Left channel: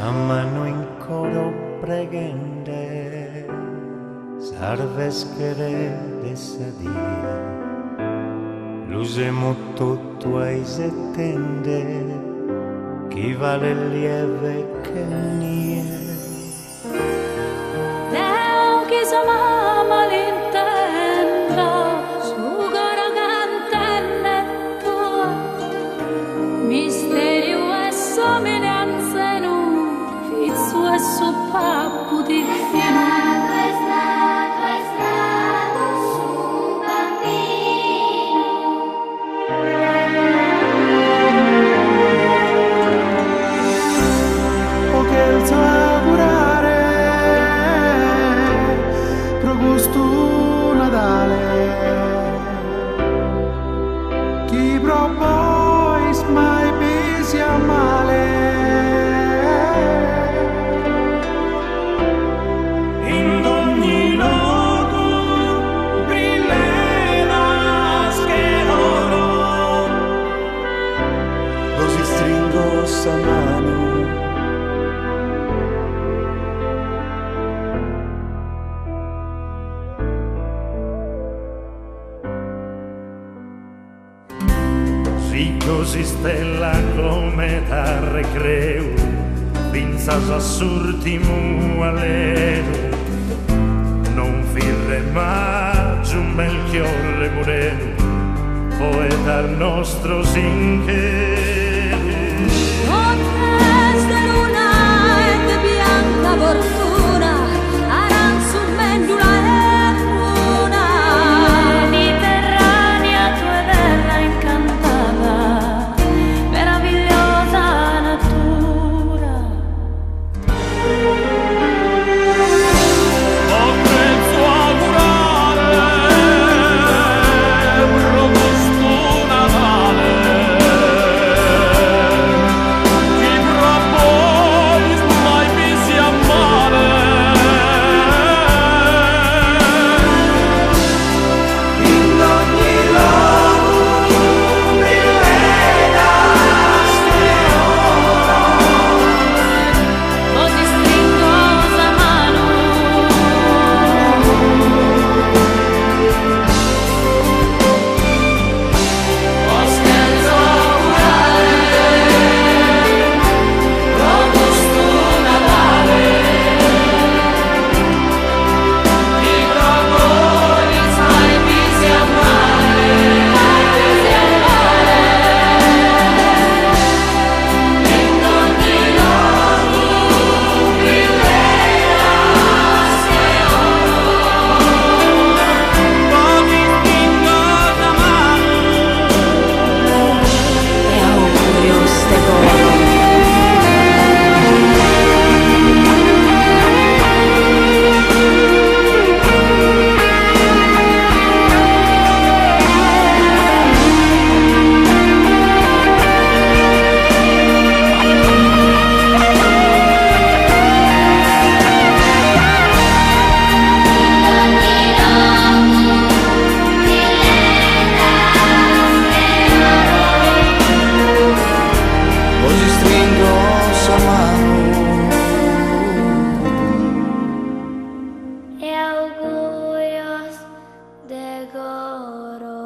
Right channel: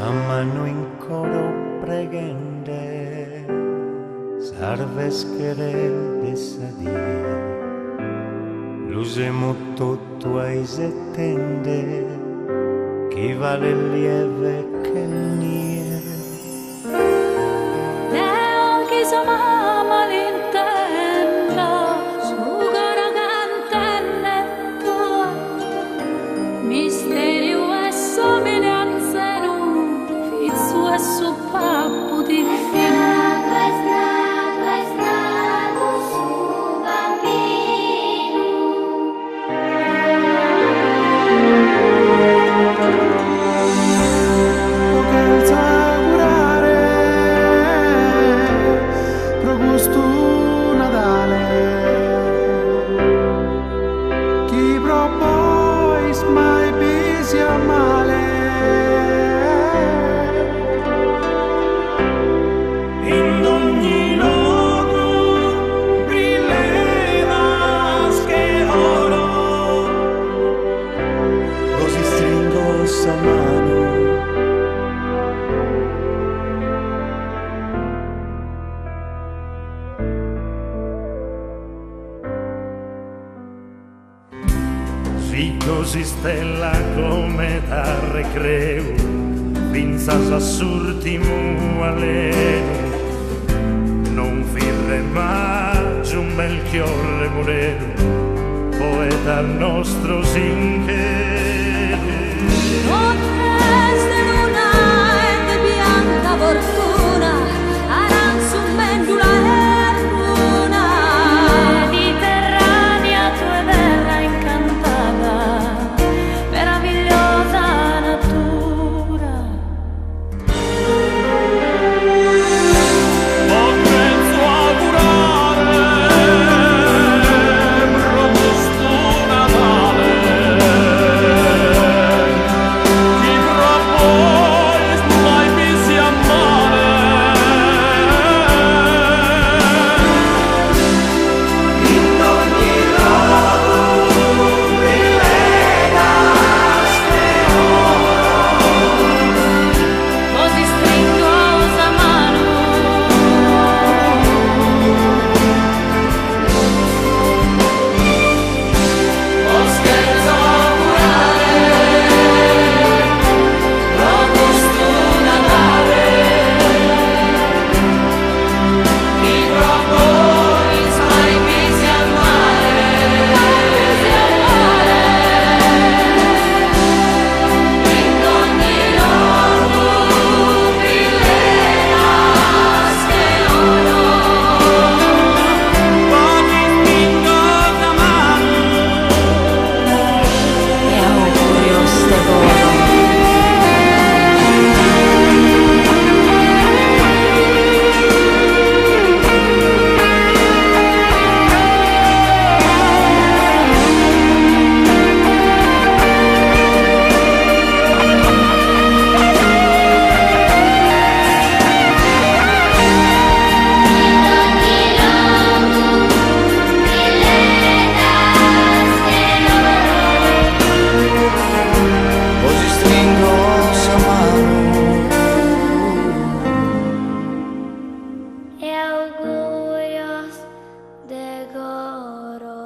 Chiamano in coro pregende, sarves querede sadir, l'usemo tutto ai settende, chi vale lieve che nie. Neo chi sa mamma l'intenda, su coro cantenne tua, misterio e somiglianze nu, fizzu e su pappu di fino. Chi propois mai pisia male in ogni luogo brillevas che oro, Così stringo sa mano, sì, così stella come da recreu, pinzas assurtimu alenu, non firre maggio un Melchiorre Moreno, poeta nostro sinchero. Nottes de luna e de bianca fortuna, aranzu mendula e bruna, mediterranea tua terra incantata, meravigliosa natura. penso augurare robusto Natale, chi propois mai pisi a male in ogni luogo brillegas che oro, Così stringosa mano, penso augurare robusto Natale, chi propois mai pisi a male così amore. in ogni luogo brillegas che oro, pochi spingosa mano E augurio ste coro. così stringo sa mano. E augurios de coro.